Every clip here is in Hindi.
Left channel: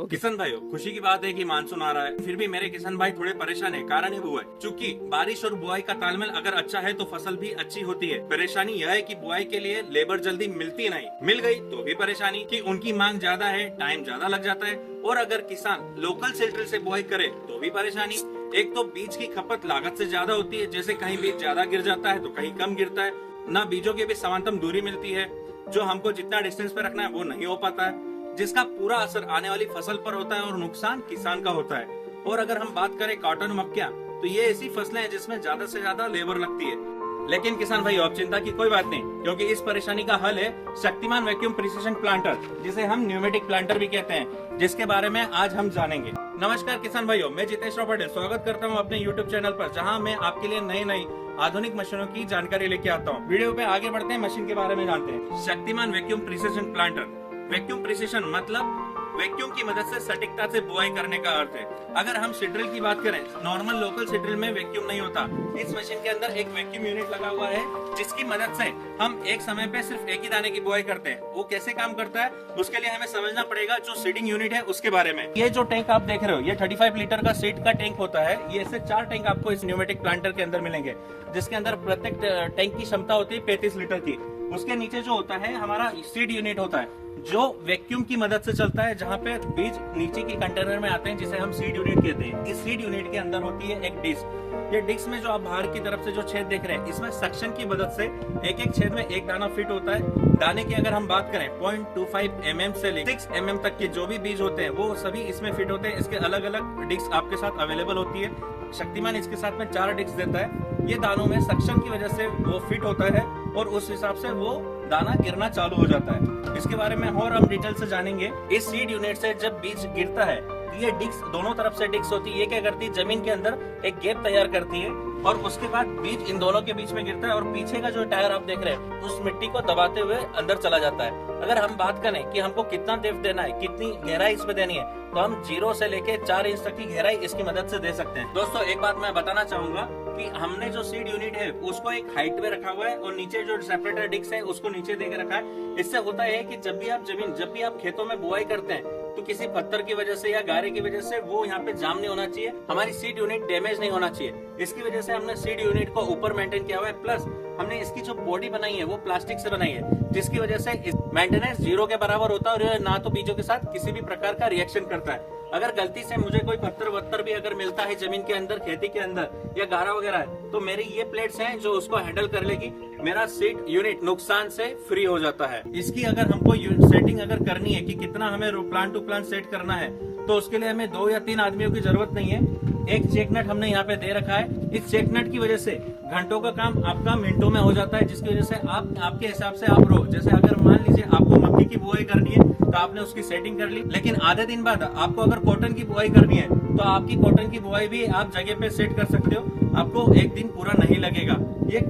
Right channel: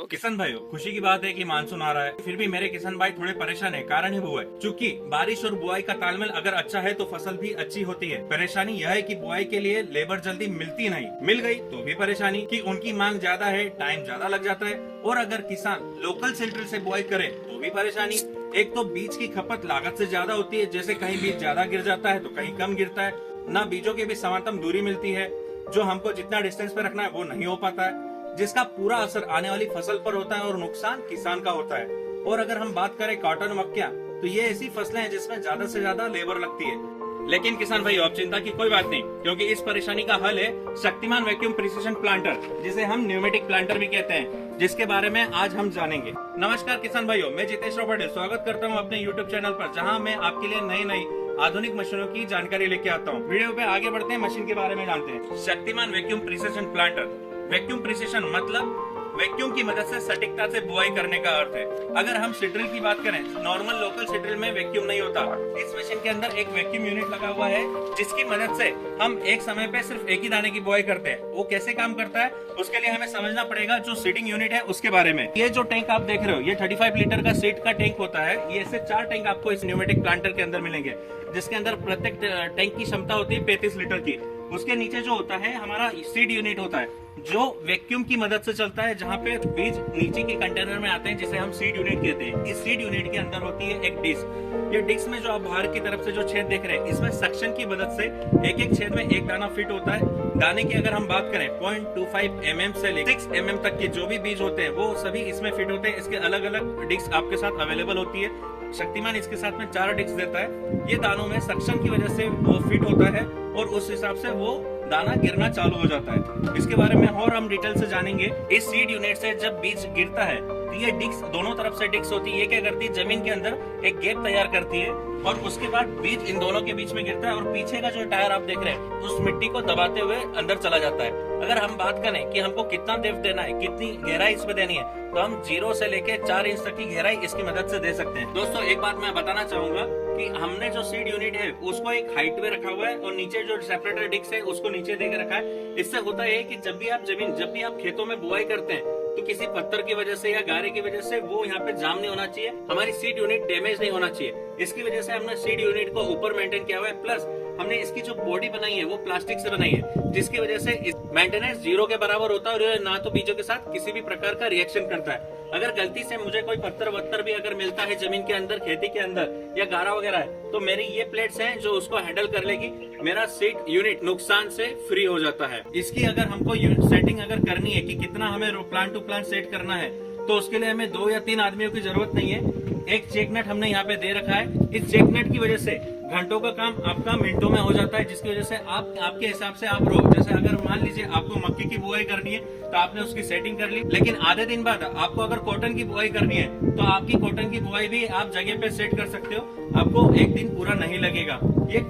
तो किसान भाइयों, खुशी की बात है कि मानसून आ रहा है, फिर भी मेरे किसान भाई थोड़े परेशान है। कारण है बुआई। चूंकि बारिश और बुआई का तालमेल अगर अच्छा है तो फसल भी अच्छी होती है। परेशानी यह है कि बुआई के लिए लेबर जल्दी मिलती नहीं, मिल गई तो भी परेशानी कि उनकी मांग ज्यादा है, टाइम ज्यादा लग जाता है। और अगर किसान लोकल सेल्टर से बुआई करे तो भी परेशानी। एक तो बीज की खपत लागत से ज्यादा होती है, जैसे कहीं बीज ज्यादा गिर जाता है तो कहीं कम गिरता है। न बीजों के बीच समानतम दूरी मिलती है, जो हमको जितना डिस्टेंस पे रखना है वो नहीं हो पाता है, जिसका पूरा असर आने वाली फसल पर होता है और नुकसान किसान का होता है। और अगर हम बात करें कॉटन, मक्का, तो ये ऐसी फसलें हैं जिसमें ज्यादा से ज्यादा लेबर लगती है। लेकिन किसान भाई, अब चिंता की कोई बात नहीं, क्योंकि इस परेशानी का हल है शक्तिमान वैक्यूम प्रिसिशन प्लांटर, जिसे हम न्यूमेटिक प्लांटर भी कहते हैं, जिसके बारे में आज हम जानेंगे। नमस्कार किसान भाइयों, मैं जितेश पटेल स्वागत करता हूं अपने यूट्यूब चैनल पर, जहां मैं आपके लिए नई नई आधुनिक मशीनों की जानकारी लेके आता हूं। वीडियो पे आगे बढ़ते हैं, मशीन के बारे में जानते हैं। Shaktimaan vacuum precision planter. Vacuum precision मतलब वैक्यूम की मदद से सटीकता से बुआई करने का अर्थ है। अगर हम सीड्रिल की बात करें, नॉर्मल लोकल सीड्रिल में वैक्यूम नहीं होता। इस मशीन के अंदर एक वैक्यूम यूनिट लगा हुआ है, जिसकी मदद से हम एक समय पे सिर्फ एक ही दाने की बुआई करते हैं। वो कैसे काम करता है उसके लिए हमें समझना पड़ेगा जो सीडिंग यूनिट है उसके बारे में। ये जो टैंक आप देख रहे हो, ये 35 लीटर का सीड का टैंक होता है। ये ऐसे 4 टैंक आपको इस न्यूमेटिक प्लांटर के अंदर मिलेंगे, जिसके अंदर प्रत्येक टैंक की क्षमता होती है 35 लीटर की। उसके नीचे जो होता है हमारा सीड यूनिट होता है, जो वैक्यूम की मदद से चलता है, जहाँ पे बीज नीचे के कंटेनर में आते हैं, जिसे हम सीड यूनिट कहते हैं। इस सीड यूनिट के अंदर होती है एक डिस्क। ये डिस्क में जो आप बाहर की तरफ से जो छेद देख रहे हैं, इसमें सक्शन की मदद से एक एक छेद में एक दाना फिट होता है। दाने की अगर हम बात करें 0.25 mm से लेकर 6 mm तक के जो भी बीज होते हैं वो सभी इसमें फिट होते हैं। इसके अलग अलग डिस्क आपके साथ अवेलेबल होती है। शक्तिमान इसके साथ में 4 डिस्क देता है। ये दानों में सक्शन की वजह से वो फिट होता है और उस हिसाब से वो दाना गिरना चालू हो जाता है। इसके बारे में और हम डिटेल से जानेंगे। इस सीड यूनिट से जब बीज गिरता है तो ये डिस्क दोनों तरफ से डिस्क होती है। ये क्या करती है, जमीन के अंदर एक गैप तैयार करती है और उसके बाद बीज इन दोनों के बीच में गिरता है और पीछे का जो टायर आप देख रहे हैं उस मिट्टी को दबाते हुए अंदर चला जाता है। अगर हम बात करें कि हमको कितना डेप्थ देना है, कितनी गहराई इसमें देनी है, तो हम 0 से लेके 4 इंच तक की गहराई इसकी मदद से दे सकते हैं। दोस्तों, एक बात मैं बताना चाहूंगा कि हमने जो सीड यूनिट है उसको एक हाइट पे रखा हुआ है और नीचे जो सेपरेटर डिस्क है उसको नीचे दे के रखा है। इससे होता है कि जब भी आप खेतों में बुआई करते हैं तो किसी पत्थर की वजह से या गारे की वजह से वो यहाँ पे जाम नहीं होना चाहिए, हमारी सीड यूनिट डैमेज नहीं होना चाहिए। इसकी वजह से हमने सीड यूनिट को ऊपर मेंटेन किया हुआ है। प्लस हमने इसकी जो बॉडी बनाई है वो प्लास्टिक से बनाई है, जिसकी वजह से मेंटेनेंस 0 के बराबर होता है और ना तो बीजों के साथ किसी भी प्रकार का रिएक्शन करता है। अगर गलती से मुझे कोई पत्थर वत्थर भी अगर मिलता है जमीन के अंदर, खेती के अंदर या गारा वगैरह है, तो मेरी ये प्लेट्स हैं जो उसको हैंडल कर लेगी। मेरा सीड यूनिट नुकसान से फ्री हो जाता है। इसकी अगर हमको सेटिंग अगर करनी है कि कितना हमें प्लांट टू प्लांट सेट करना है, तो उसके लिए हमें 2 या 3 आदमियों की जरूरत नहीं है। एक चेक नट हमने यहाँ पे दे रखा है। इस चेक नट की वजह से घंटों का काम आपका मिनटों में हो जाता है, जिसकी वजह से आप आपके हिसाब से आप जैसे अगर मान लीजिए आपको मक्के की बुआई करनी है तो आपने उसकी सेटिंग कर ली, लेकिन आधे दिन बाद आपको अगर कॉटन की बुआई करनी है तो आपकी कॉटन की बुआई भी आप जगह पे सेट कर सकते हो। आपको एक दिन पूरा नहीं लगेगा। ये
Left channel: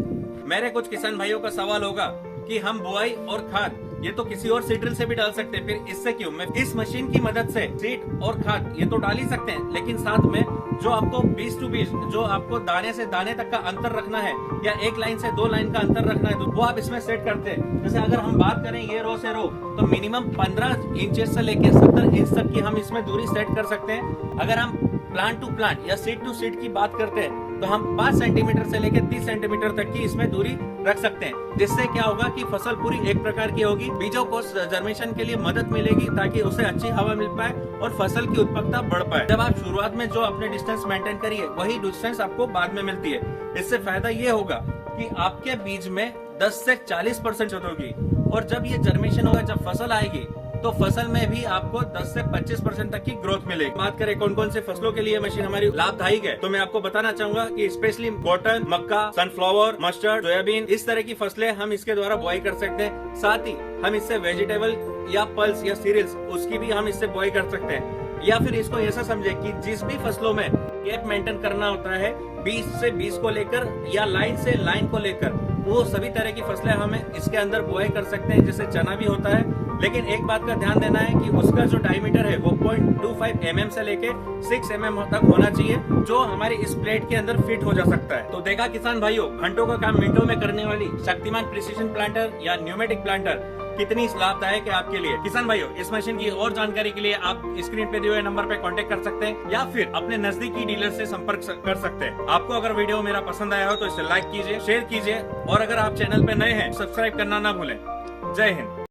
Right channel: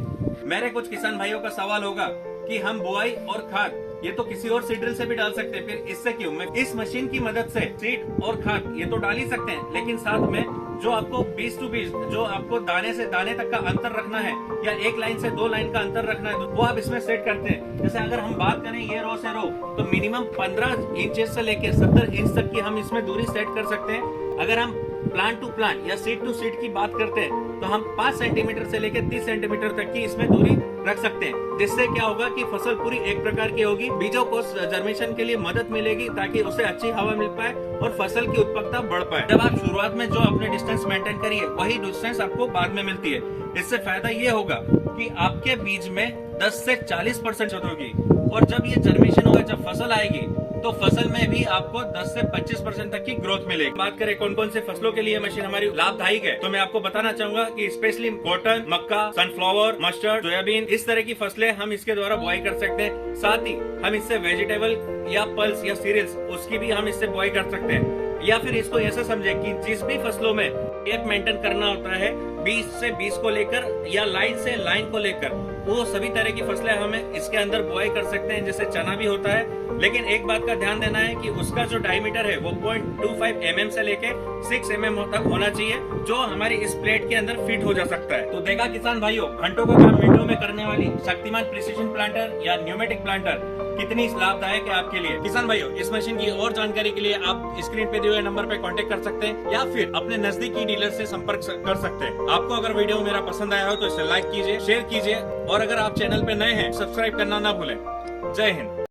मेरे कुछ किसान भाइयों का सवाल होगा कि हम बुआई और खाद ये तो किसी और सीड्रिल से भी डाल सकते हैं, फिर इससे क्यों? मैं इस मशीन की मदद से सीड और खाद ये तो डाल ही सकते हैं, लेकिन साथ में जो आपको बीज टू बीज, जो आपको दाने से दाने तक का अंतर रखना है या एक लाइन से 2 लाइन का अंतर रखना है, तो वो आप इसमें सेट करते हैं। जैसे अगर हम बात करें ये रो से रो, तो मिनिमम 15 इंचेस से लेकर 70 इंच तक की हम इसमें दूरी सेट कर सकते हैं। अगर हम प्लांट टू प्लांट या सीड टू सीड की बात करते हैं तो हम 5 सेंटीमीटर से लेकर 30 सेंटीमीटर तक की इसमें दूरी रख सकते हैं, जिससे क्या होगा कि फसल पूरी एक प्रकार की होगी। बीजों को जर्मेशन के लिए मदद मिलेगी ताकि उसे अच्छी हवा मिल पाए और फसल की उत्पादकता बढ़ पाए। जब आप शुरुआत में जो अपने डिस्टेंस मेंटेन करिए वही डिस्टेंस आपको बाद में मिलती है। इससे फायदा ये होगा कि आपके बीज में 10 से 40% होगी और जब ये जर्मेशन होगा, जब फसल आएगी तो फसल में भी आपको 10 से 25% तक की ग्रोथ मिलेगी। बात करें कौन कौन से फसलों के लिए मशीन हमारी लाभदायक है, तो मैं आपको बताना चाहूंगा कि स्पेशली कॉटन, मक्का, सनफ्लावर, मस्टर्ड, सोयाबीन, इस तरह की फसलें हम इसके द्वारा बुआई कर सकते हैं। साथ ही हम इससे वेजिटेबल या पल्स या सीरियल्स उसकी भी हम इससे बुआई कर सकते हैं। या फिर इसको ऐसा समझे कि जिस भी फसलों में गैप मेंटेन करना होता है, 20 से 20 को लेकर या लाइन से लाइन को लेकर, वो सभी तरह की फसलें हमें इसके अंदर बुआई कर सकते हैं। जैसे चना भी होता है, लेकिन एक बात का ध्यान देना है कि उसका जो डायमीटर है वो 0.25 mm से लेके 6 mm तक होना चाहिए, जो हमारी इस प्लेट के अंदर फिट हो जा सकता है। तो देखा किसान भाइयों, घंटों का काम मिनटों में करने वाली शक्तिमान प्रिसिशन प्लांटर या न्यूमेटिक प्लांटर कितनी लाभदायक है आपके लिए। किसान भाइयों, इस मशीन की और जानकारी के लिए आप स्क्रीन पे दिए हुए नंबर पे कांटेक्ट कर सकते हैं या फिर अपने नजदीकी डीलर से संपर्क कर सकते हैं। आपको अगर वीडियो मेरा पसंद आया हो तो इसे लाइक कीजिए, शेयर कीजिए और अगर आप चैनल पे नए हैं सब्सक्राइब करना ना भूलें। जय हिंद।